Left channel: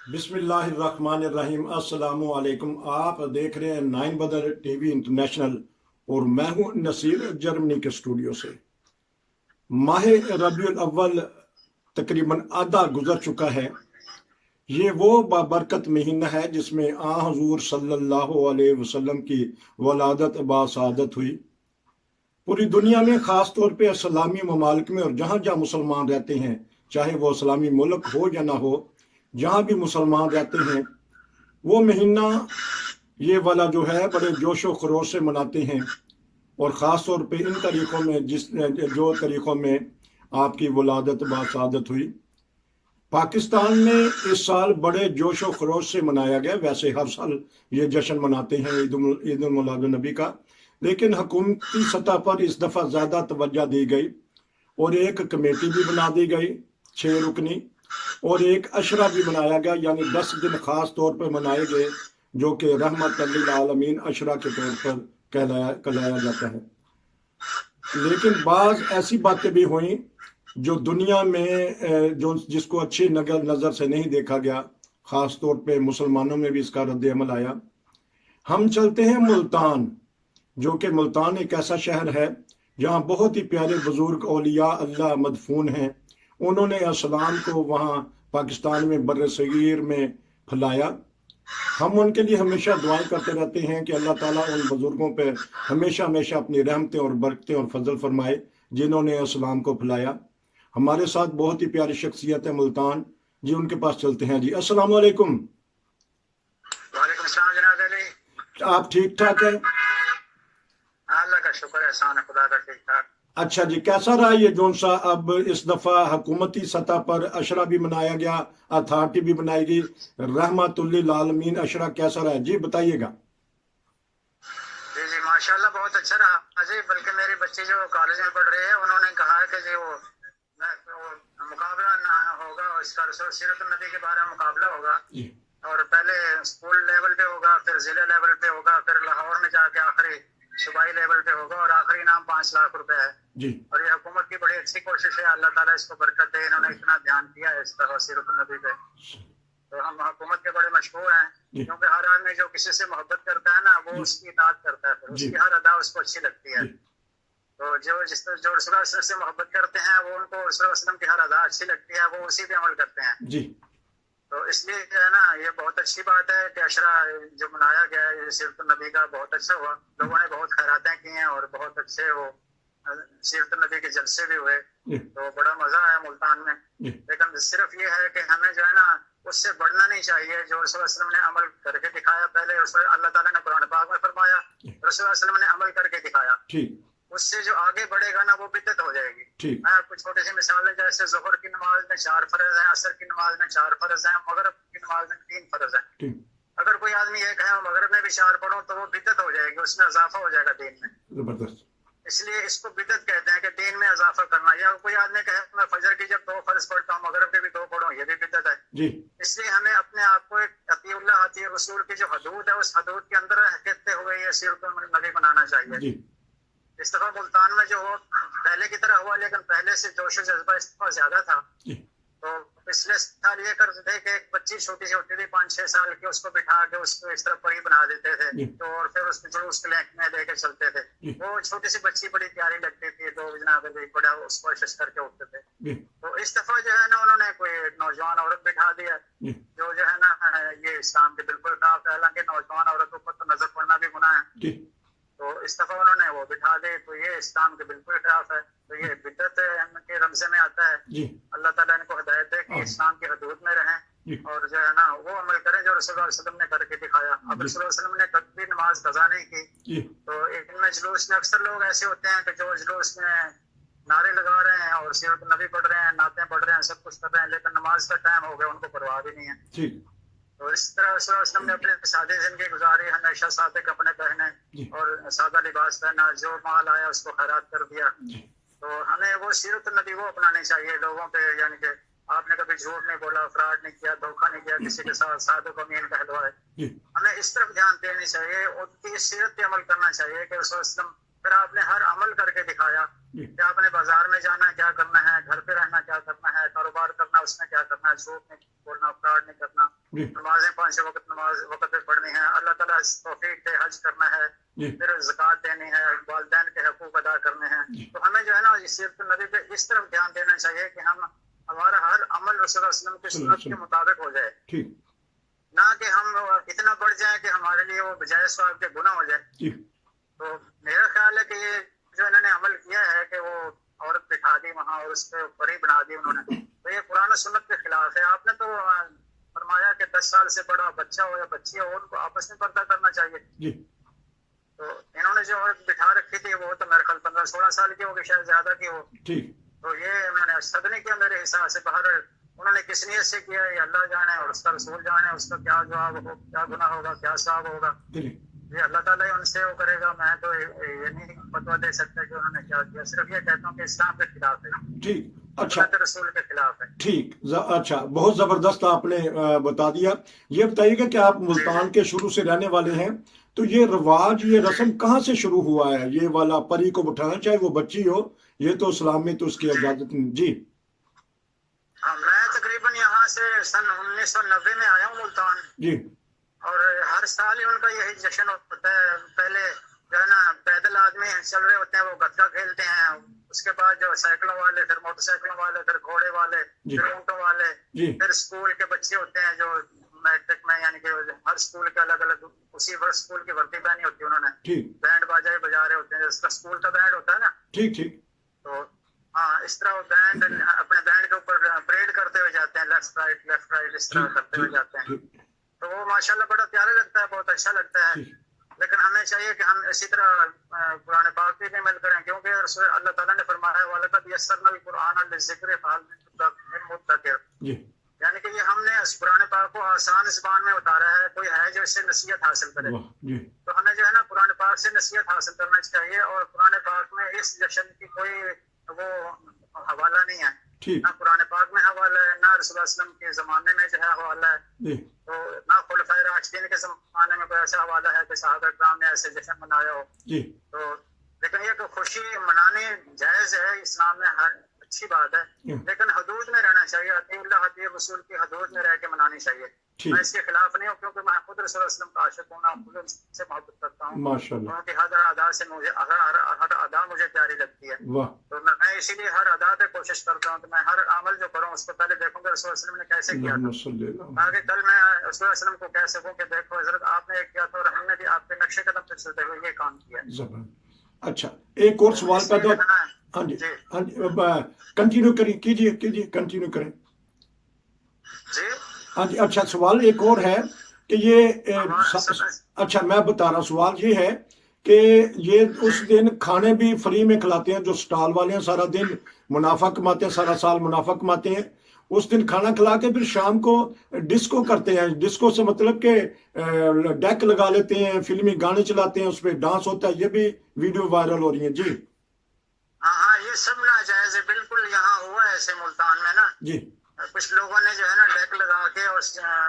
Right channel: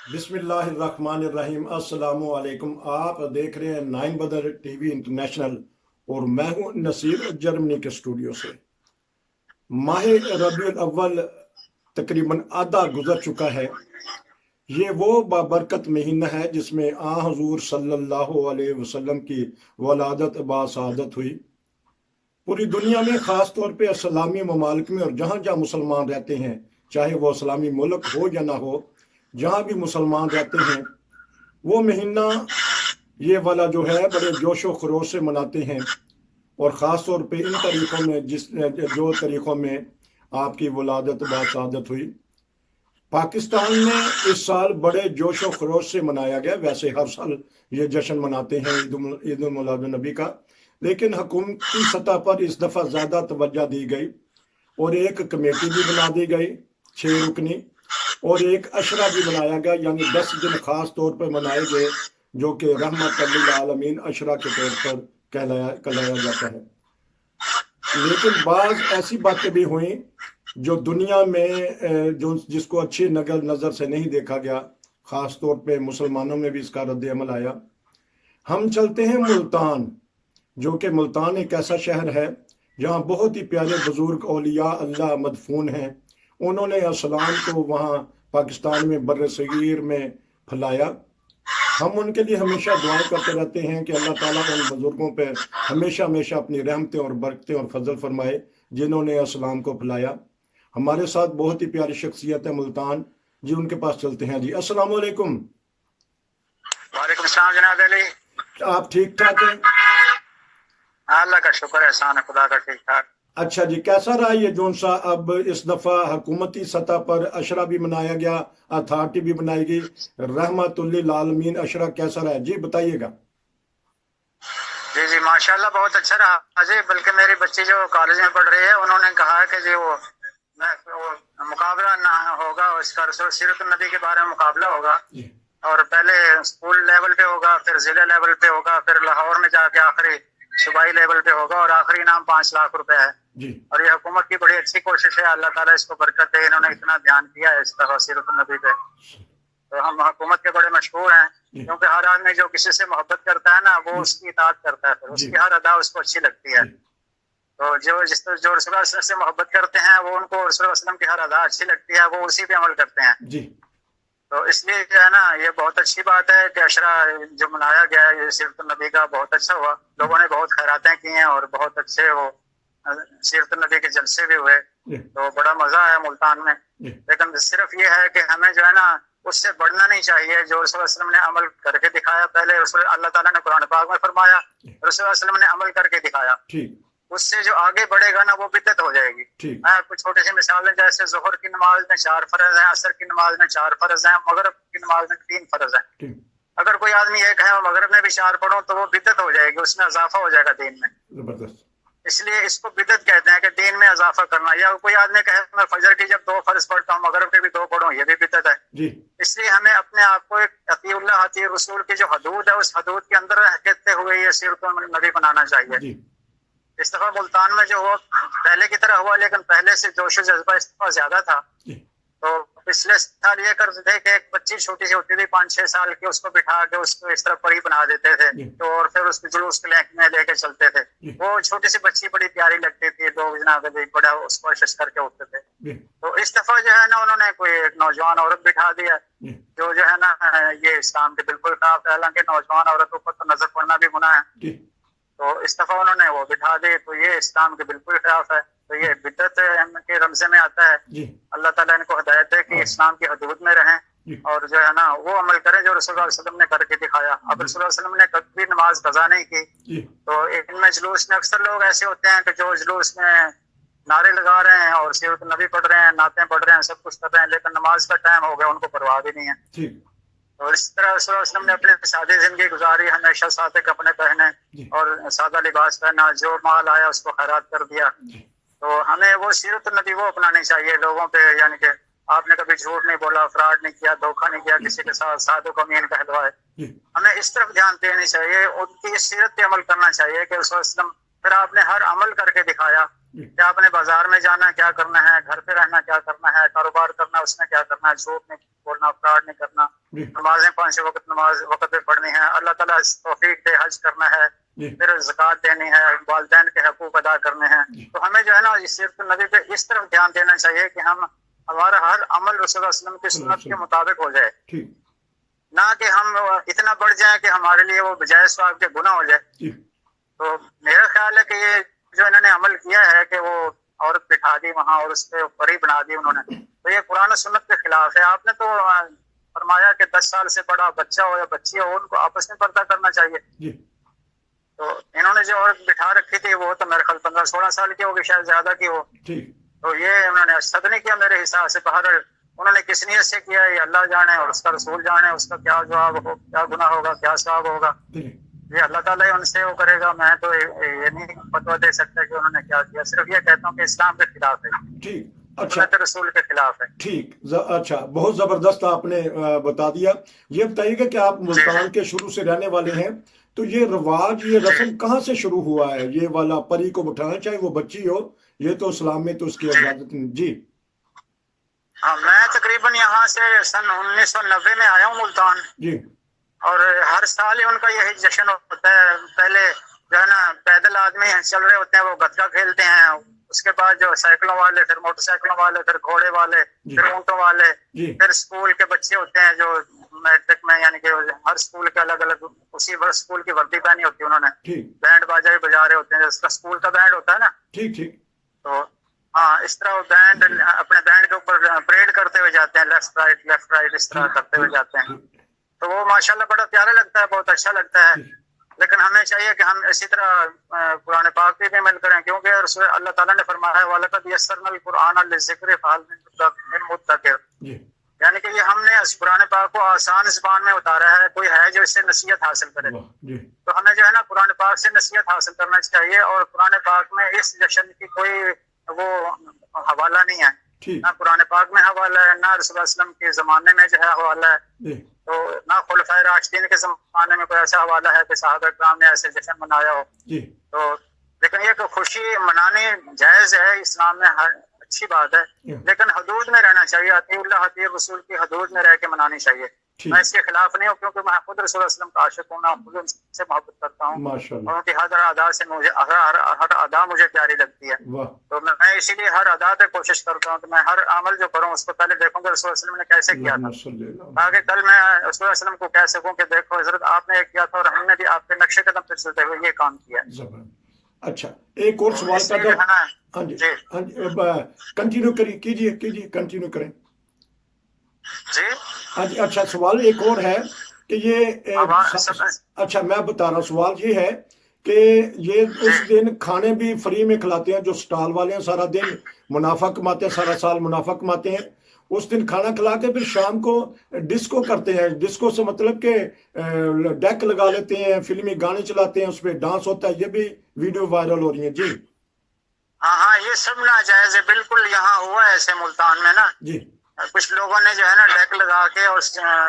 बिस्मिल्लाहिर्रहमानिर्रहीम। अस्सलाम वालेकुम। आप देख रहे हैं नाइन बदर टीवी इंटरनेशनल और मैं हूं नसीर जर्मनी के स्टूडियो से। माह रबीउल अव्वल तकरीबन आधा गुजर चुका है। ये वो बाबरकत महीना है जिसमें आ हजूर सल्लल्लाहु अलैहि वसल्लम की वलादत बासादत हुई। पूरी दुनिया में ख़ास तौर पे इस्लामी ममालिक में और जहाँ जहाँ मुसलमान रहते हैं, चाहे वो इस्लामी मुल्क हो या ना हो, जहाँ भी मुसलमान रहते हैं वो महीना ये वाला जो है बड़े जोशो खरोश से मनाते हैं। और ख़ास तौर पे इन तरीक़ों में जो तरीक़ों में आपकी वलादत बासादत हुई, पाकिस्तान में इस साल बड़े जोशो खरोश से मनाया गया। वैसे हर साल ये जश्न मनाते हैं ईद उल मिलाद नबी का, लेकिन हुकूमती सतह पर इस दफ़ा ज़्यादा तवज्जो दी गई और एक कमेटी भी बना दी गई 6 रुकनी, और एक अशरा भी बनाया गया, यानी 10 दिन खास तौर पर मनाए गए जो कि रहमत लिल आलमीन अशरा के तौर पर कहलाया जाता है। लेकिन बाज़ ऐसी बातें भी हुई जो दुनिया में जिसको अच्छी नज़र से नहीं देखा गया, ख़ास तौर पे मुसलमानों में भी इसका रद्द अमल आया। हम चलते हैं मुल्तान, जो कि मुल्तान एक ऐसा शहर है जहाँ बहुत ही प्यारे बुजुर्ग औलिया अल्लाह मदफून हैं। उन्होंने इस्लाम को वहाँ पाकिस्तान में बर्र सगीर में फैलाया। हम उनके लिए हमेशा दुआएं करते रहते हैं कि अल्लाह ताला उन बुजुर्गों पर हमेशा हमेशा अपनी रहमतें और बरकतें और फजल फरमाए जिन्होंने इस्लाम को फैलाया। हमारे साथ बहुत ही प्यारी शख्सियत है मुल्तान जी, उनके पास चलते हैं जी। अस्सलाम वालेकुम। वालेकुम सलाम जनाब अली। आप ठीक ठाक हैं? अल्लाह का शुक्र, एहसान है खुदा का, ठीक ठाक। अच्छा जी, कैसा रहा ये जोन सा अब इस दफा हुकूमती सतह पर अशरा भी मनाया गया, अथॉरिटी भी बनाई गई, रहमतुल लिल आलमीन अशरा कैसा रहा जी, बताइएगा। जी जी माशाल्लाह बहुत अच्छा रहा अजय। बल्कि मेरी बच्ची जो कॉलेज में पढ़ रही है उन्होंने कहा कि जी वो मुकाबला ना होगा, उसका रसूल सीरत नबी के बारे में मुकाबला होगा, और पहले स्कूल लेवल पे होगा, फिर जिले लेवल पे होगा, फिर लाहौर में जाके आखिरी सूबाई लेवल पे होगा, और आखिरी इनाम 5 लाख रुपए है जी। और ये हुकूमत की बड़ी अच्छी कोशिश है, अल्लाह ताला इसको बरकत दे। इन्होंने इतना ध्यान दिया है इस तरह सीरत नबी पे, तो हम हुकूमत के बड़े मशहूर हैं, क्योंकि हर आदमी जो किसी से मोहब्बत करता है ना वो उसकी इताअत करता है, फिर उसकी हर अदा उसको अच्छी लगती है। तो जो रसूलुल्लाह से मोहब्बत करते हैं वो उनको रसूलुल्लाह की हर अदा अच्छी लगती है, वो उसी पे अमल करते हैं जी। तो इसलिए जो है ना ये बहुत अच्छी बात है कि अशरा जो मनाया गया है ये सीरत नबी का बहुत अच्छा हुआ। लोगों ने बहुत खैरातें की हैं और बहुत अच्छे वो सीरत नबी के जलसे भी हुए, तो बड़ा मजा आया मुल्तान में। लेकिन सिर्फ ये है कि हमें जो है ना उससे बढ़ना नहीं चाहिए। जो रसूलुल्लाह ने अमल करके दिखाया, पहले अल्लाह ताला ने कुरान पाक में फरमाया, रसूलुल्लाह ने अमल करके दिखाया, उससे जो आगे बढ़ेगा ना वो बिदअत हो जाएगी। कुछ छोटी सी मिसालें, जैसे जोहर की नमाज में 4 फर्ज हैं, असर की नमाज में 4 फर्ज हैं, मगरिब की नमाज में 3 फर्ज हैं। अगर कोई आदमी ये कहे मगरिब में भी 4 पढ़ो तो वो बिदअत हो जाएगी, उसमें इजाफा हो जाएगा दीन में। जबरदस्त। इसलिए इसको बिदअत कहते हैं कि दीन में इजाफा करना। या कोई आदमी कहे मैं फजर की जब 2 फर्ज पढ़ता हूँ मगरिब के भी 2 पढ़ूं, ये भी बिदअत है जी। इसलिए हमें अपने आप को अतीउल्लाह अती रसूल की जो हदूद है उस हदूद के अंदर रहते हुए ये सीरत नबी बनाना चाहिए जी। इस दफा मुल्तान में जो हुआ पहले की तरह हुआ, लेकिन पहले से जोश जज्बा इस दफा ज्यादा था। तो पिछले साल ये करते थे कि एक बच्ची छोटी सी होती थी 5-6 साल की, उसको बिठा के उसको इस तरह परी बना देते थे, तो और फिर उसको जुलूस में लेके चलते थे। वो छोटी सी बच्ची बड़ी प्यारी लगती थी, 2 जनाब बड़ा उसको शश करके उठते थे। तो इस दफा जो है ना उन्होंने कोई एक नौजवान औरत बिठा दिया जो है ना ये इस्लाम के बिल्कुल खिलाफ है। हालांकि नौजवान औरतों पर तो नजर पड़ना भी गुनाह है, तो इस दफा उन्होंने वो बिठा दी, तो ये इस्लाम के बिल्कुल खिलाफ है। तो ये बिदअत के रमजे में आता है जी। अल्लाह ताला इनको हिदायत है कि इस्लाम की हदूद में रहें और जो है ना वो अमल करें जो रसूलुल्लाह सल्लल्लाहु अलैहि वसल्लम ने करके दिखाया। अब रसूलुल्लाह सल्लल्लाहु अलैहि वसल्लम ने कभी नमाज कज़ा नहीं की, तो इनमें जुलूस में अक्सर लोग ऐसे होते हैं कि जो जुलूस में नारे लगा रहे हैं और सीरत नबी पढ़ रहे हैं, नातें पढ़ रहे हैं, सब कुछ कर रहे हैं, लेकिन नमाज का टाइम हो गया उनको परवाह भी नहीं है। और इस तरह रसूलुल्लाह ने अपने सादी जिंदगी गुजारी, हमेशा सादे कपड़े पहने और सादा लिबास पहना, जो माल आया उसको खैरात कर दिया। तो हमें वो सीरत नबी वो अपनानी चाहिए लोगों पे, यानी कि आपने कभी झूठ नहीं बोला, फ्रॉड नहीं किया, धोखा नहीं किया, किसी के साथ साधु को मीन कहलवाए। हमें इस तरफ ध्यान देनी चाहिए, उनकी सीरत पे अमल करना चाहिए कि रसूलुल्लाह फिर आपने हर अमल करके दिखाया جی کیا آپ نے بازار میں جانا کیا کرنا ہے, گھر پہ رہنا کیا کرنا ہے, کاروبار کرنا اس میں کیا کرنا ہے, جھوٹ نہیں بولنا, فراڈ نہیں کرنا, جی نمازیں 5 وقت نماز وقت پہ پڑھنی ہے, اللہ تعالیٰ توفیق دے حج کرنا ہے, جی پھر زکوٰۃ دینی ہے, والدین کے حقوق ادا کرنے ہیں. جی تو ہمیں جو ہے نا اس سیرت النبی پہ اس طرف دھیان دینا چاہیے کہ ہمارا ہر عمل رسول اللہ صلی اللہ علیہ وسلم کی صلی اللہ علیہ سنت کے وسلم. مطابق ہو جائے, ٹھیک. نہ کہ ہم اتنا بڑھ جائیں کہ ہمارے لیے وہ بجائے ثواب کے گناہ ہو جائے. جی تو میرا خیال ہے کہ یہ جو انہوں نے عمل کیا ہے کہ وہ عورت بٹھا دی وہاں اور اس پہ پری بنا دی انہوں نے, تو یہ قرآن و سنت کے خلاف ہے. آپ نے تو فرمایا کہ 10 سال سے بڑا بچہ ہو یا بچی ہو ان کو آپس میں پردہ کرنا چاہیے. جی تو انہوں نے جو عورت بٹھا رکھی تھی وہ تو میرے خیال 15-16 سال کی ہوگی, شاید زیادہ کی ہو. ٹھیک. تو یہ انہوں نے صد نہیں کیا میرے حساب سے. باہر انہوں نے کس نیت سے کیا یہ اللہ جانے اور اس کا رسول جانے, اس کا کیا جواب ہو, کیا گناہ ہوگا, کیا ثواب ہوگا, جی یہ اللہ تعالیٰ ہی ان سے وہ کرے گا. میں تو یہ نہیں فتویٰ دے سکتا کہ انہوں نے کیا کیا, صرف یہ کہتا ہوں کہ اسلام کے خلاف ہے, ٹھیک. اچھا سنت رسول کے خلاف ہے. ٹھیک. اچھا بہت زبردست آپ نے بتا دیا. یہ بتائیے گا کہ آپ ملتان کے شروع سے رہنے والے ہیں, تو یہ رواج یہ رسم کہاں سے شروع ہوا ہے, یہ والا پری کو بٹھانا چاہے وہ بچی ہو, یہ تو اسلام میں تو اس کی اجازت نہیں. جی ہاں میں تقریباً یہاں سے سن 1990 میں آیا ہوں ملتان, جی اور ہر سال ہی ان کا یہی جشن ہوتا ہے. پہلے جو ہے نا پیدل آدمی چل رہے ہوتے ہیں وہ گتکا کھیلتے ہیں, اس کے بعد جو سائیکلوں والے, پھر موٹر سائیکلوں والے, پھر گھوڑے والے, جی پھر اونٹوں والے, جی پھر اسکول کے بچے ہوتے ہیں جو میٹرک میں, یعنی کہ ہر اسکول کے الگ الگ اسی اسکول کی وردی پہنی ہوتی ہے انہوں نے, ٹھیک بینڈ باجا بھی بجا رہے ہوتے ہیں, جس کا اسکول کا بینڈ ہوتا ہے نا. ٹھیک ٹھیک. تو ہاں اس طرح وہ بینڈ اپنے بینڈ کے اوپر پریڈ کرتے ہوئے جاتے ہیں, لیفٹ رائٹ اس طرح ٹھیک کرتے ہوئے ٹھیک جاتے ہیں. ٹھیک تو وہ ماشاءاللہ بڑا پیارا لگتا ہے, بہت اچھا لگتا ہے. ٹھیک. لیکن ہمیں چاہیے کہ ہم اسی طرح قرآن پاک پہ بھی عمل کریں, کیونکہ رسول اللہ تعالیٰ نے فرمایا ہے وَلَقَدْ يَسَّرْنَا الْقُرْآنَ لِلذِّكْرِ فَهَلْ مِن مُدَّكِرٍ, جی یعنی کہ یہ ہم نے اس قرآن پاک کو آسان زبان میں اتارا ہے, کوئی ہے جو اس سے نصیحت حاصل کرے. واہ. جی تو ہمیں جو ہے نا قرآن پاک سے نصیحت حاصل کرنا چاہیے, اور قرآن پاک میں اس جشن کی کوئی وہ حوالہ نہیں ہے, ٹھیک. نہ قرآن پاک میں حوالہ ہے, نہ رسول اللہ علیہ وسلم کے زمانے میں جو ہے حوالہ ہے, جی تو نہ خلفائے راشدین کے زمانے میں کوئی ایسا حوالہ ہے کہ صحابہ کرام نے ایسے جشن منایا ہو. جی تو لیکن یہ کہ خوشی منانی جائز ہے اسلام میں, ہر اچھی بات ہے, لیکن حدود میں رہنا چاہیے. اطیع اللہ اطیع رسول کی حدود میں رہ کے منانی چاہیے. ٹھیک. میں اس کے خلاف نہیں ہوں, کیونکہ میں خود رسول اللہ علیہ وسلم کا عاشق ہوں, میں خود ان سے محبت کرتا ہوں, ماشاءاللہ. ان کی ہر ادا سے مجھے ہر ادا مجھے پیاری لگتی ہے. واہ. تو میں اسی لیے ہر ادا پہ کوشش کرتا ہوں کہ میں ہر عمل جو کروں اس کو پہلے دیکھوں کہ رسول اللہ علیہ وسلم نے کیسے کیا تھا, اللہم صلی اللہ علیہ تاکہ کل میں رسول اللہ علیہ وسلم کو کہہ سکوں کہ دیکھو حضرت آپ نے یہ کیا تھا اور ہم نے بھی آپ کے نقش قدم پہ چلتے ہوئے یہ کام کیا. زبان. اچھا ایک اور سوال اس لیے پیدا. ہے نا. ہاں جی جی ہاں جی کنٹینیو کیجیے کنٹینیو کریں. جی ہاں جی. اچھا سوال ایک اور ہے کہ یہ اچھا میں بتا رہا ہوں, سوال یہ ہے کہ یہ اس دن کھانے بھی فری میں کھلاتے ہیں, جو سٹال والے ہیں سارا دن منافع کماتے ہیں, سارا سال منافع کماتے ہیں, اس دن کھانا کھلا کے پھر شام کو ڈسکو کرتے ہیں. ڈسکو سے مطلب کہ ڈیک لگا لیتے ہیں, فلمی گانے چلاتے ہیں, اس پہ ڈانس ہوتا ہے, یہ بھی ویڈیو وائرل ہو رہی ہیں. جی ہاں یہ سب ناجائز ہے بالکل. یہاں ہوا ہے ایسے ملتان میں نا, جی کچھ لوگوں نے جو ہے نا ڈیک لگا کے اور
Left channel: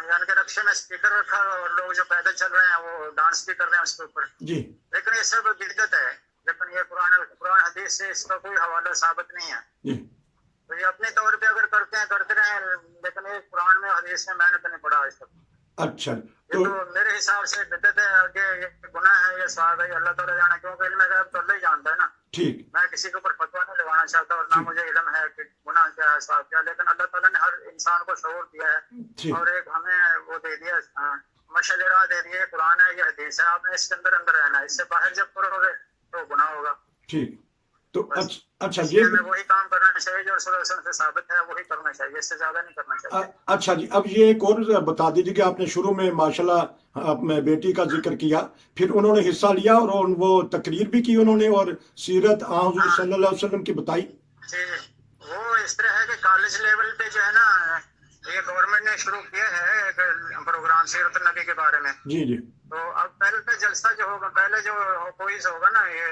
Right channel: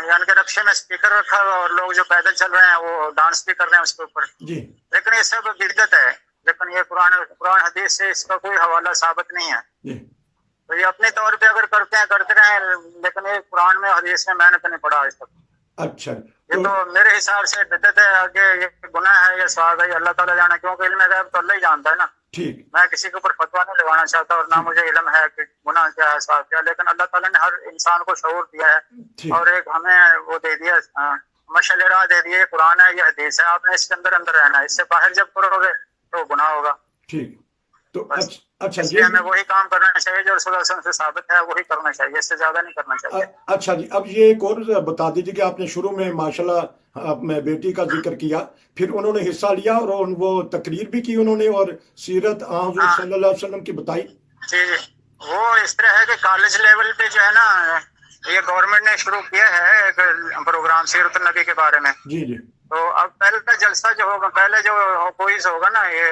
یعنی کہ رکشے میں اسپیکر رکھا ہوا, اور لوگ جو پیدل چل رہے ہیں وہ ڈانس بھی کر رہے ہیں اس کے اوپر. جی لیکن یہ سب بدعت ہے, لیکن یہ قرآن حدیث سے اس کا کوئی حوالہ ثابت نہیں ہے. جی. تو یہ اپنے طور پہ اگر کرتے ہیں کرتے رہیں, لیکن یہ قرآن میں حدیث میں نے تو نہیں پڑھا آج تک. اچھا یہ تو میرے حساب سے بدعت ہے, آگے یہ گناہ ہے, یہ ثواب ہے, یہ اللہ تعالیٰ جانا, کیونکہ علم غیب تو اللہ ہی جانتا ہے نا. ٹھیک. میں کسی کے اوپر فتویٰ نہیں لگانا چاہتا, اور نہ مجھے علم ہے کہ گناہ کیا ہے ثواب کیا, لیکن اللہ تعالیٰ نے ہر انسان کو شعور دیا ہے, اور ایک ہمیں وہ دے دیا مشعل راہ دے دیے, قرآن ہے یہ حدیث ہے, آپ نے اس کے اندر رہنا ہے, اس سے باہر جب کرو گے تو گناہ ہوگا. ٹھیک. تو اچھا یہ ہمیں وہی کام کرنا چاہیے جو رسول اللہ صلی اللہ علیہ وسلم سے ثابت ہے, وہی کرنا چاہیے, اس سے زیادہ نہیں کرنا چاہیے. اچھا جی. اب یہ ایک اور بتا دیجیے کہ آپ نے شروع میں ماشاءاللہ اپنے بیٹی کا ذکر کیا, پھر انہوں نے حصہ لیا اور وہ تقریر بھی کی انہوں نے, اور سیرت حضور صلی اللہ علیہ وسلم کی بتائی. جی وہ اس طرح ہے کہ کالج لیول پہ جو ہے نا یہ گورنمنٹ نے شروع کیا ہے ایک پروگرام سیرت النبی کے بارے میں. جی جی. تو اب پہلے کا جلسہ جو ہوگا, پہلے جو کوئز ہوگا نا یہ,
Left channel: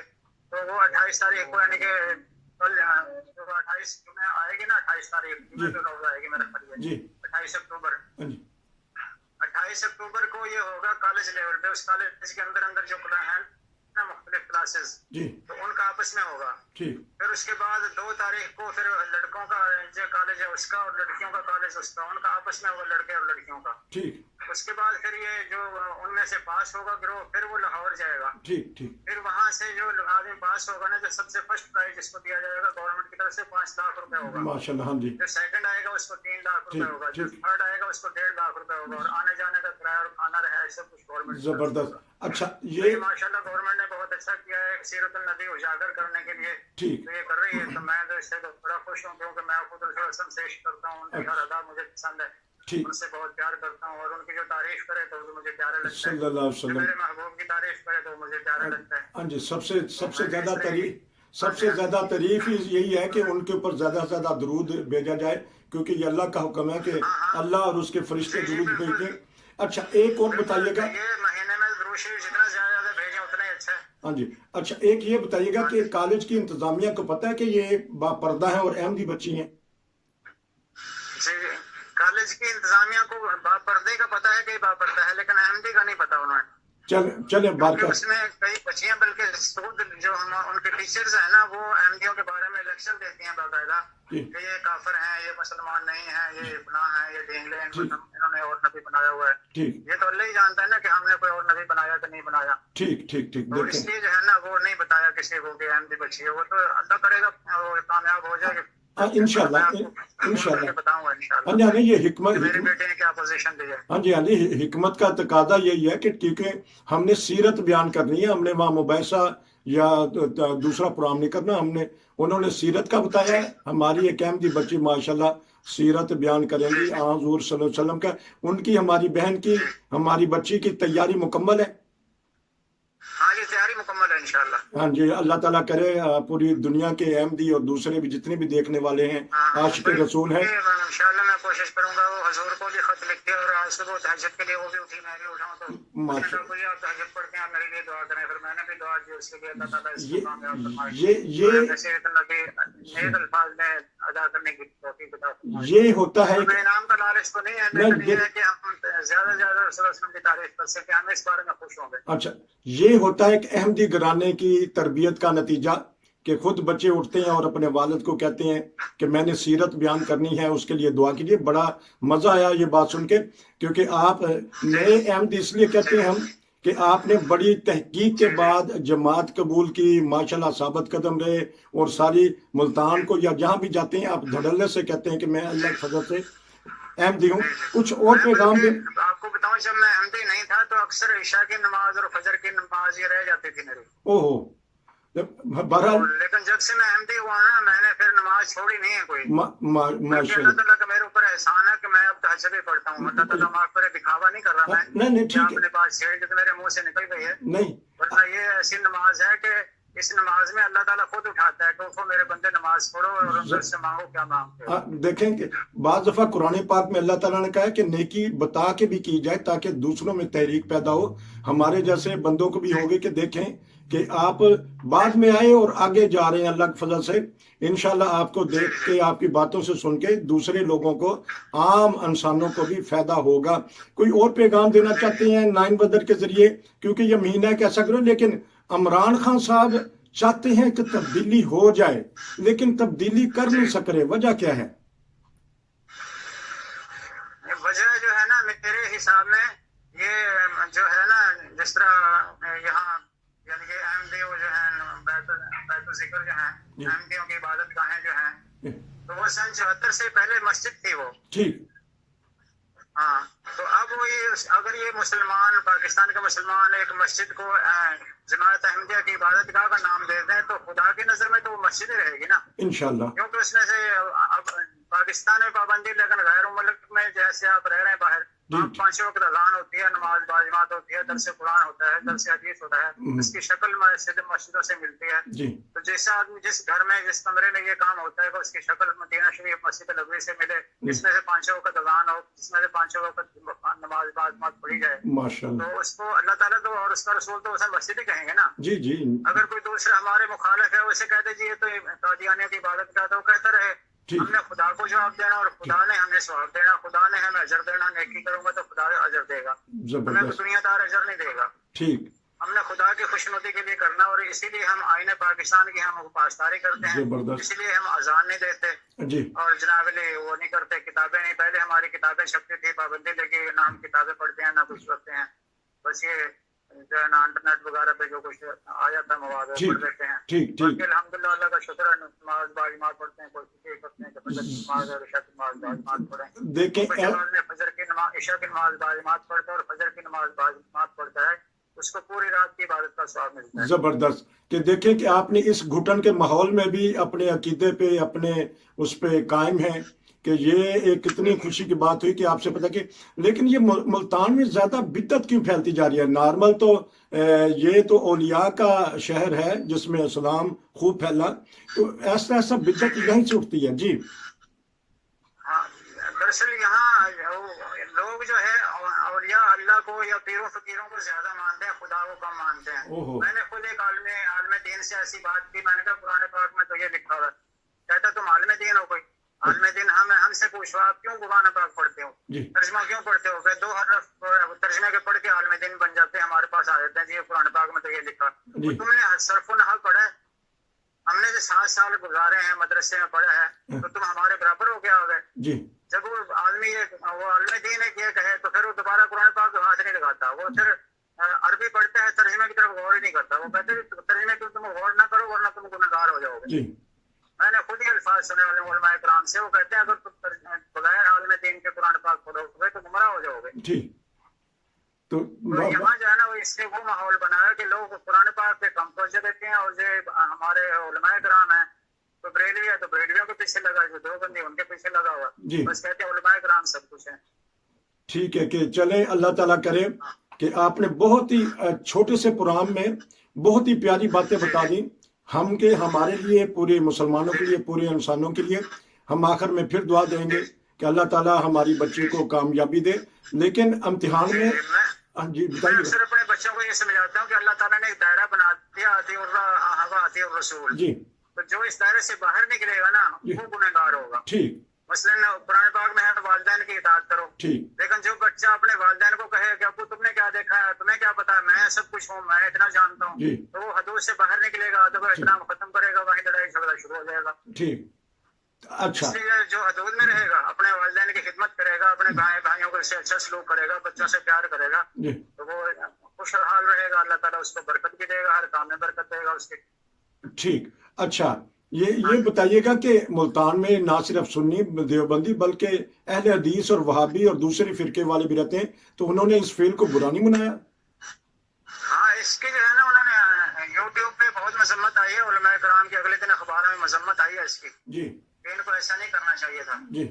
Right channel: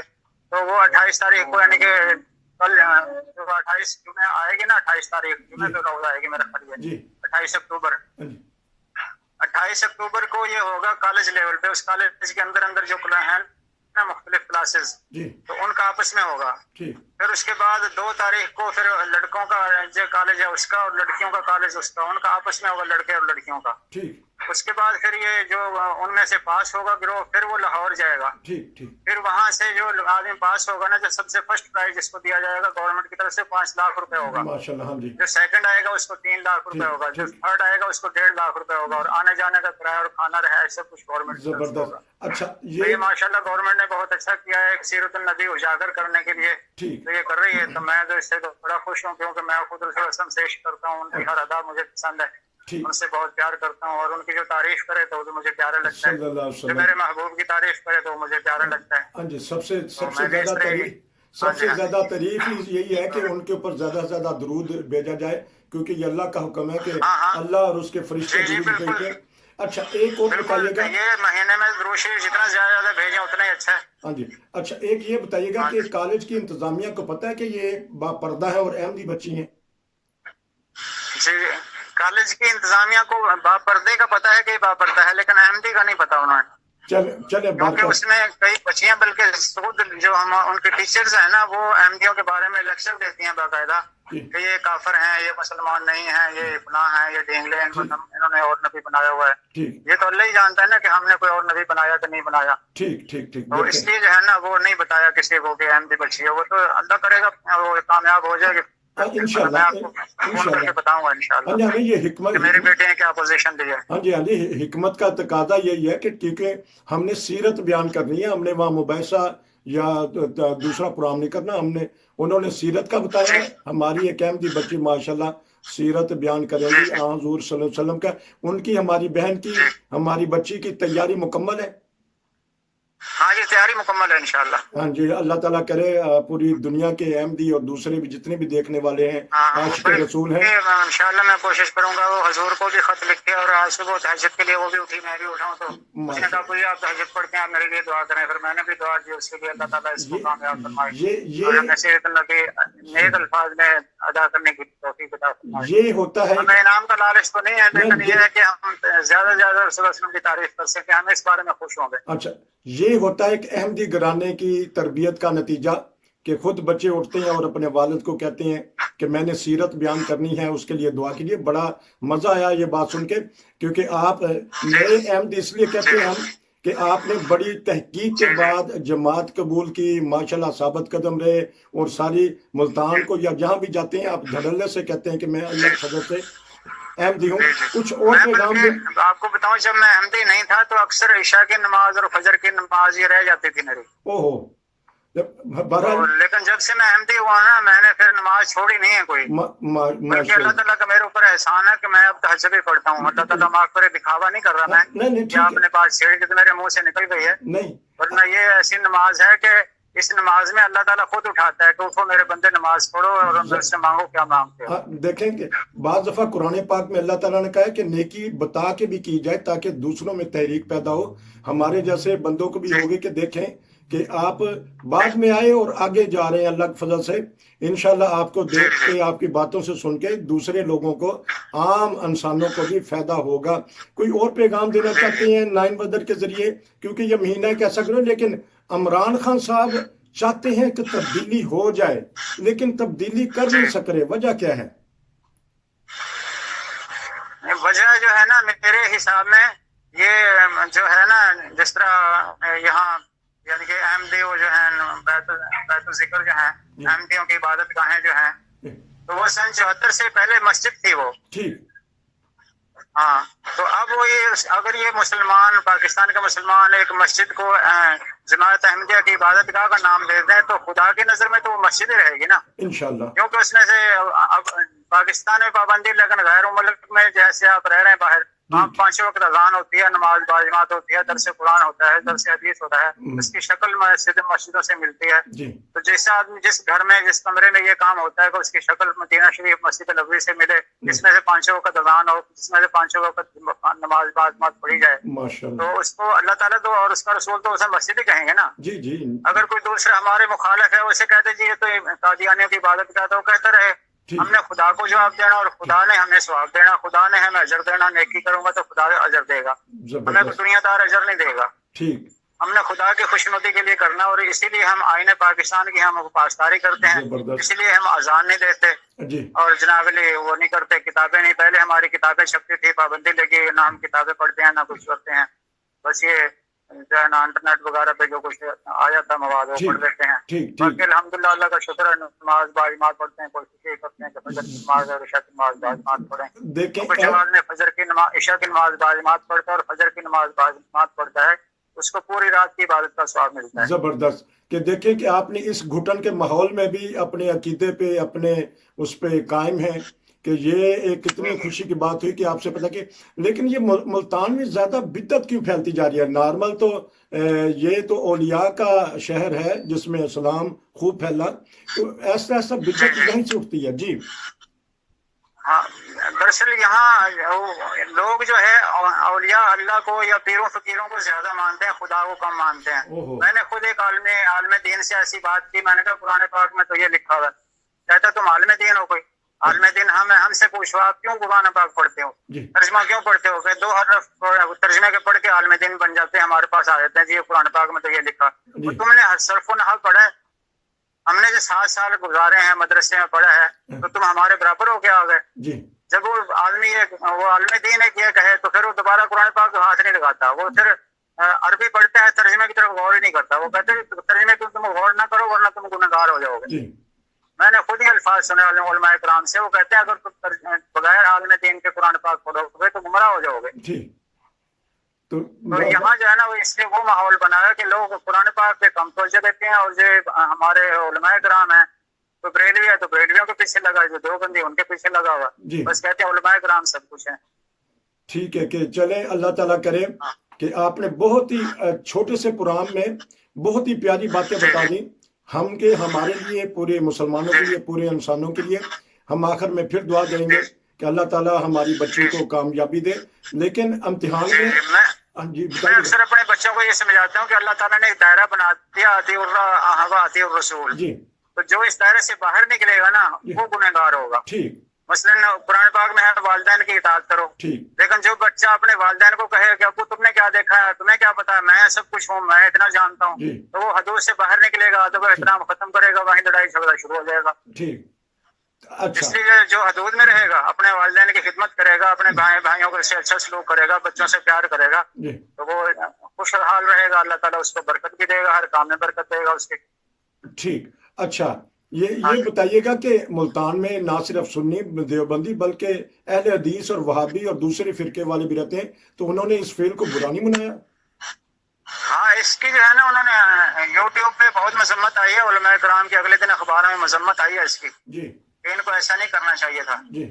تو وہ 28 تاریخ کو, یعنی کہ کل 28 جمعہ آئے گی نا, 28 تاریخ جمعہ تو روز آئے گی میرا خیال ہے, 28 اکتوبر. 28 اکتوبر کو یہ ہوگا کالج لیول پہ. اس کالج کے اندر جو کلائنٹ ना मुख्तलिफ क्लासेस, जी तो उनका आपस में होगा। ठीक फिर उसके बाद 2 तारीख को फिर लड़कों का जो कॉलेज है उसका और लड़कियों का कॉलेज उसका, उनका आपस में होगा, लड़के और लड़कियों का। ठीक उसके बाद फिर ये जो उनमें से पास होगा गिरोह, फिर वो लाहौर जाएगा। ठीक ठीक फिर वहां से जो आदमी पास होगा ना, जो सबसे फर्स्ट प्राइज जिसको दिया जाएगा गवर्नमेंट की तरफ से 5 लाख रुपए होगा। माशाल्लाह, हाँ जी, जो सेकंड आएगा उसको 3 लाख रुपए ठीक, होगा, जो ठीक। थर्ड आएगा उसको 1.5 लाख रुपए होगा, और आने जाने का किराया और खाना रहा सब कुछ गवर्नमेंट की तरफ से जबरदस्त। होगा। अच्छा, तो ये ये माशाल्लाह गवर्नमेंट ने बहुत अच्छा किया है सीरत नबी उजागर करने के लिए, ठीक तो ये कर रही है। तो मैं तो इससे तो बड़ा खुश हूँ, क्योंकि मैं खुद रसूल वसल्लम से इश्क करता हूँ, उनकी हर अदा मुझे पसंद है, ठीक उनसे बहुत प्यार करता हूँ, और उनकी जो तारीफ करे तो मुझे प्यारा लगता है, सल्लल्लाहु अलैहि जो वसल्लम। मेरे महबूब की तारीफ करे तो मुझे प्यारा लगता है। हाँ जी, सबसे सबसे मैं भी इस ज्यादा तरह ही- तारीफ, सबसे ज्यादा तारीफ ही यही है कि उनके ऊपर ज्यादा से ज्यादा दरूद भेजा जाए, क्योंकि ये अल्लाह का हुक्म है कि हाँ, हाँ। अल्लाह और उसके फरिश्ते जी, जी, दरूद बिल्कुल। भेजते हैं। अच्छा, एक और बिल्कुल, बताइएगा। ये महीने में दुरूद शरीफ जितना ज्यादा भेजें उतना ही अच्छा है। हाँ जी, अच्छा एक ये बताइएगा हाँ कि जी। कॉलेज की इंतजामिया को पता है कि ये बापर्दा है और अहमदी बच्ची हैं? जी, कॉलेज की इंतजामिया को बापर्दे का पता है कि बापर्दा है, लेकिन अहमदी का नहीं पता उन्हें, चले चले क्योंकि बारका। उसमें कई बच्चियां, बल्कि खुद जो हम उनके टीचर्स हैं ना, वो अहमदियों के बारे में लेक्चर देती हैं बाकायदा, जी कि ये काफिर हैं, ये मुसलमान नहीं हैं, ये फलां हैं, ये ढेंगले हैं, इन्होंने और नबी बनाया हुआ है। ठीक ये तो अल्लाह ही जानता है ना कि हमने कोई और नबी बनाया कि नहीं बनाया, ठीक ठीक ठीक और देखें, इसलिए जो है ना वो नहीं बताया किसी को कि अहमदी बच्ची है। वो तो अल्लाह करेगा वो कामयाब हो जाएगी, हाँ इंशाल्लाह, मैं आपको फोन इंशाल्लाह। करके बताऊंगा हाँ इंशाल्लाह जी, हाँ जी, ये कि मेरे बेटे ने क्या पोजीशन दी है। हाँ जी, हाँ जी, हिकमत का तकाजा यही है कि क्योंकि हमने सीरत बयान करनी है, हमने वहाँ मुबैसा या दूसरा प्रोग्राम नहीं करना, हमने उन्होंने सीरत का बताया है। हमारी एक अहमदी बच्ची माशाल्लाह सीरत बयान करेंगी हुजूर सल्लल्लाहु अलैहि वसल्लम का, उनकी, हमारी बहन की, हमारी बच्ची की तैयारी मुकम्मल है। हाँ, ये तैयारी मुकम्मल है इंशाल्लाह। हाँ जी, अल्लाह ताला करे पूरी दुनिया के अहमदी और दूसरे भी जितने भी देखने वाले हैं हाँ, आशिक रसूल हैं। इंशाल्लाह मैं कोशिश करूंगा वो हजूर को भी खत लिख के, और आज सुबह तहज्जुद के लिए वो भी उठी, मैं भी उठाऊं, तो उसने कहा कोई आप तहज्जुद पढ़ के आप मेरे लिए दुआ करें। फिर मैंने भी दुआ की उसके लिए, अल्लाह ताला इसको कामयाब फरमाए, ये और हमें सीरत नबी नेक अल्फाज में अदा करने की तौफीक अता फरमाए। ये होता है हमें इनाम का लालच तो नहीं है, लेकिन ये है कि हम ज्यादा से ज्यादा रसूल वसल्लम की तारीफ कर सकें, हम इस बारे में खुश होंगे। अच्छा, ये होता है एक अहमदी घराने की तरबियत का नतीजा कि खुद बच्चे उठते हैं और अपने वालिद को कहते हैं कि मैंने सीरत बयान करनी है, उसके लिए दुआ कीजिए। बड़ा मज़ा आया ये बात सुन के, क्योंकि आप नए अहमदी इसलिए कहते हैं हम कि आपने बड़ी तहकीक के बाद जमात कबूल की, माशाल्लाह साबित कदम रहे, और सारी मुल्तान को या जहाँ भी जाते हैं आप धड़ल्ले से कहते हैं कि मैं अल्लाह के फजल से अहमदी हूँ। कुछ और पैगाम भी आपको बताऊं, जब मैं अहमदी नहीं था तो अक्सर इशा की नमाज और फजर की नमाज ये रह जाती थी मेरी। ओहो, बहरहाल लेकिन जब से मैं अहमदी हुआ ना, मैंने फिर नमाज छोड़ी नहीं है कोई, बल्कि अल्लाह ताला का मेरे ऊपर एहसान है कि मैं अब तहज्जुद भी पढ़ता हूँ। अल्लाह ताला माफ करे, दिखावा नहीं कर रहा मैं, नहीं क्या ठीक है, अपने पास छेड़ के तो मेरे मुंह से निकल गई है, नहीं वरना ये ऐसी नमाज है कि इस नमाज में अल्लाह ताला खुद उठाता है कि उठो मेरे बंदे नमाज पढ़ो और उनसे मांगो क्या मांगते हो। देखें कि बाज़ दफ़ा कुरान पाक में अल्लाह ताला ने कहा है कि नेकी बता के भी की जाए ताकि दूसरों में तहरीक पैदा हो। हमारे जैसे बंदों को भी होगी कि देखें कि आप बाद में आए और आगे जा रहे हैं अल्लाह के फजल से। इंशाल्लाह आपको देख के, आपकी बातों से सुन के दूसरे लोगों को, आम इंसानों को भी फायदा होगा। कोई और पैगाम देना चाहते हैं 9 बदर के जरिए, क्योंकि ये महीना कैसा करो, लेकिन इमरान खान साहब चाहते हैं कि तब्दीली हो जाए, लेकिन तब्दीली कर नहीं सक रहे, वजह क्या है? वजह जो है ना, मेरे हिसाब में ये जो है ना, जिस तरह यहाँ यानी कि अहमदी वो जो है बैतुल जिक्र जो है, अहमदियों की इबादत गाहें जो हैं, तो वो सन 74 से पहले मस्जिद थी वो, ठीक। हाँ, तो अब वो ये अगर ये मुसलमान, पाकिस्तान के मुसलमान एक मस्जिद को जमात अहमदिया की इबादत गाह का नाम दे दें, तो खुदा की नजर में तो वो मस्जिद ही रहेगी ना, इंशाल्लाह। क्योंकि उसने से अब पाकिस्तान में पाबंदी, लेकिन गैर मुल्क में जैसे आप रह रहे हैं बाहर, वहाँ 5 वक्त अज़ान होती है, नमाज बाजमात होती है, दरस कुरान होता है, दरस हदीस होता है, उसकी शक्ल मस्जिदों से मिलती है। तो जैसा आदमी जिस घर में, जिस कमरे में ये काम होता है कि उसकी शक्ल मदीना शरीफ मस्जिद नबवी से मिले, जिसमें से 5 वक्त अज़ान हो, जिसमें से 5 वक्त नमाज बाजमात पढ़ी जाए, माशाल्लाह, तो उसको अल्लाह ताला तो और उसका रसूल तो उसे मस्जिद ही कहेंगे ना। जी जी। अगर कोई दूसरा हमारे मुखालिफ है, उसे कहते जी ये तो कादियानियों की इबादत का, तो कहता रहे हमने खुदा को जवाब देना और खुदा ने हमें सवाब देना, खुदा ने हमें अजर देना, नेकी करूंगा तो खुदा अजर देगा, हमें तो दुनियादार अजर नहीं देगा। ठीक। हमने खुदा की खुशनुदी के लिए करना, और इसीलिए हम आईने पाकिस्तान की हम पासदारी करते हैं, जबरदस्त इसीलिए हम अजान नहीं देते जी और जनाबली वो नहीं करते, किताबें नहीं, पहले हमारी किताबें छपती थी, पाबंदी लगी, ना हम किताबें पढ़ते हैं ना कुछ करते हैं, बस ये जो है ना इंटरनेट वगैरह पे जो कुछ आ जाता है मवाद वो ठीक पढ़ लेते हैं। ठीक बाकी ठीक अल्हम्दुलिल्लाह अल्लाह का शुक्र है, नमाज बाजमात पढ़ते हैं, कोशिश करते हैं कि फजर की नमाज और इशा की नमाज बाजमात पढ़ें। देखें कुछ नमाज में फजर की नमाज, इशा की नमाज बाजमात पढ़ता है और फजर की नमाज बाजमात पढ़ता है, उसको पूरी रात की इबादत का स्वाब मिलता है। जबरदस्त कि देखें कि आपने इस घुटन के माहौल में भी अपने अकीदे पे अपने उस पे कायम है, कि ये एक कितनी खुशी की बात हुई कि आपसे पता कि, लेकिन ये मुल्तान में ज्यादा बिद्दत क्यों फैलती जा रही है? नॉर्मल तो ये तो औलिया का शहर है जिसमें इस्लाम खूब फैला, तो ऐसा ऐसा बिद्दत यहीं से उठती है जी। हाँ, दरअसल यहाँ लोग जो है औलिया अल्लाह को या पीरों फकीरों को ज्यादा मानते हैं, खुदा को कम मानते हैं। ओहो मैंने खुद एक आलम दीन से ऐसी बात की, मैंने कहा कुरान पाक में तो ये लिखा हुआ है, कहता तुम आलम दीन हो, कोई आलम दीन हमसे पूछो आप क्यों कुरान पाक पढ़ते हो, जी तर्जमा क्यों पढ़ते हो? दो हरफ तर्जमे के पढ़ के आलम दीन बन जाते हैं, हमारे पास आ जाते हैं जी ये कुरान पाक में तो ये लिखा। जी तुमने सरफ नहव पढ़ा है, हमने जो 7 साल गुजारे हैं मदरसे में पढ़ा है, तो तुम हमारे बराबर हो क्या आ गए? जी जब वो आलमी दीन है क्या कहे तो फिर वो दोबारा कुरान पाक को हाथ नहीं लगाता, वो फिर अरबी पढ़ता है, तर्जमे की तरफ गौर ही नहीं करता, वो कहते हैं तर्जमे की तुम गौर ना करो वरना तुम गुनहगार हो जाओगे। जी मैंने खुद ही अल्फाज सुने उलमाए किराम से, वो कहते हैं अगर तुम बगैर आलम दीन के कुरान पाक पढ़ोगे तो गुमराह हो जाओगे। ठीक तो यहाँ जो है ना वो इसलिए वो माहौल बना है कि लोग कुरान पाक पे कम तवज्जो देते हैं, और जो हमारे उलमाए किराम हैं तो बरेलवी है तो बरेलवियों के पीछे लगा, जो देवबंदी उनके पीछे लगा हुआ, जी बस कहते हैं उलमाए किराम सब कुछ है। ठीक है कि चले, अल्लाह ताला करे कि आपने बहुत ही छोटे से प्रोग्राम में बहुत ही प्यारी बातें बता दी हम के, हमारे लिए, पूरे मुसलमानों के लिए, पूरे इंसानों के लिए। हम आखिर में फिर दुआ देंगे कि अल्लाह ताला हमारी बच्ची को कामयाबी दे, लेकिन इम्तिहान में जी मैं बताइए अक्सर अपने बच्चों को ये समझाता हूँ कि अल्लाह ताला ने एक दायरा बना दिया, आती और रसूल, जी तो जो इस दायरे से बाहर निकलेगा ना जी वो गुनहगार होगा। ठीक मसलन कुरान पाक में है वालिदैन की इताअत करो, ठीक लेकिन जो बच्चा अपने वालिदैन को कहे कि अब्बू तुमने क्या देखा है, तुम्हें क्या पता है, मैं सब कुछ हूँ, मैं इतना जानता हूँ, जी तो वो हदूद से बाहर निकलेगा, अदब एहतराम खत्म करेगा, वहीं लड़ाई झगड़ा शुरू हो जाएगा। ठीक अच्छा इसलिए जो हदूद में रहेगा अपने वालिदैन की खिदमत करेगा, अपने भाइयों से अच्छा सलूक करेगा, बच्चों से प्यार करेगा, जी तो वो खुशहाल रहेगा, अल्लाह ताला उसको बरकत भी देगा, हर काम में बरकत देगा उसके। ठीक अच्छा ये बताइएगा कि मुल्तान में ना सिर्फ सुन्नी देवबंदी बल्कि अहले हदीस और वहाबी और दूसरे फिरके वाले भी रहते हैं, तो उन्होंने इस फेल को बुरा नहीं मनाया? हाँ, इसकी जो है ना उन्होंने यूट्यूब पे बहुत मजम्मत आई है, उलमाए किराम के अगले दिन अखबारों में मजम्मत आई है इसकी, जी इनको ऐसा नहीं करना चाहिए था। जी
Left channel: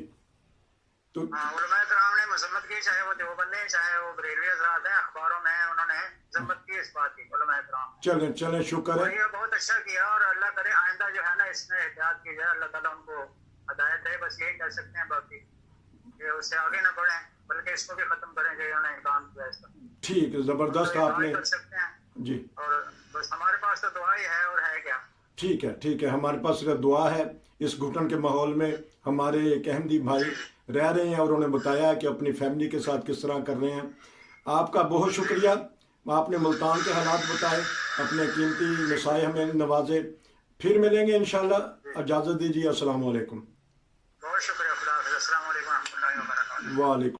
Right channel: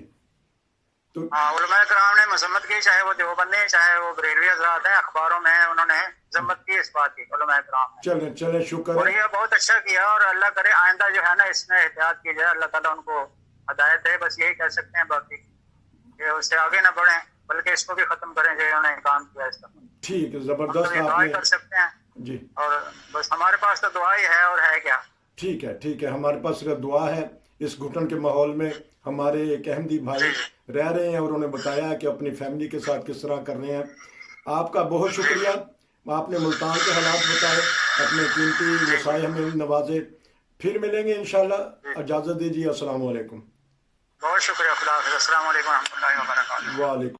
तो हाँ, उलमाए किराम ने मजम्मत की, चाहे वो देवबंदी चाहे वो बरेलवी हज़रात हैं, अखबारों में उन्होंने मजम्मत की इस बात की, उलमाए किराम ने। चलें चलें शुक्र और है। ये बहुत अच्छा किया, और अल्लाह करे आइंदा जो है ना इसमें एहतियात की जाए, अल्लाह ताला उनको हदायत है, बस यही कह सकते हैं, बाकी ये उससे आगे ना बढ़े बल्कि इसको भी खत्म करें जो उन्होंने काम किया इसका। ठीक है, जबरदस्त हम तो आपने दुआ कर सकते हैं, जी और बस हमारे पास तो दुआ ही है, और है क्या। ठीक है हमारे पास सिर्फ दुआ है। इस घुटन के माहौल में हमारे एक अहमदी भाई रह रहे हैं और उन्हें बताया कि अपनी फैमिली के साथ किस तरह कर रहे हैं। आपका बहुत शुक्रिया, आपने मुल्तान के हालात बताए, अपने कीमती मसाए हमें नवाजे। फिर मिलेंगे इंशाल्लाह, इजाज़त दीजिए। अस्सलाम वालेकुम। बहुत शुक्रिया, खुदा हाफ़िज़, अस्सलाम वालेकुम रहमतुल्लाहि व बरकातुहू। वालेकुम।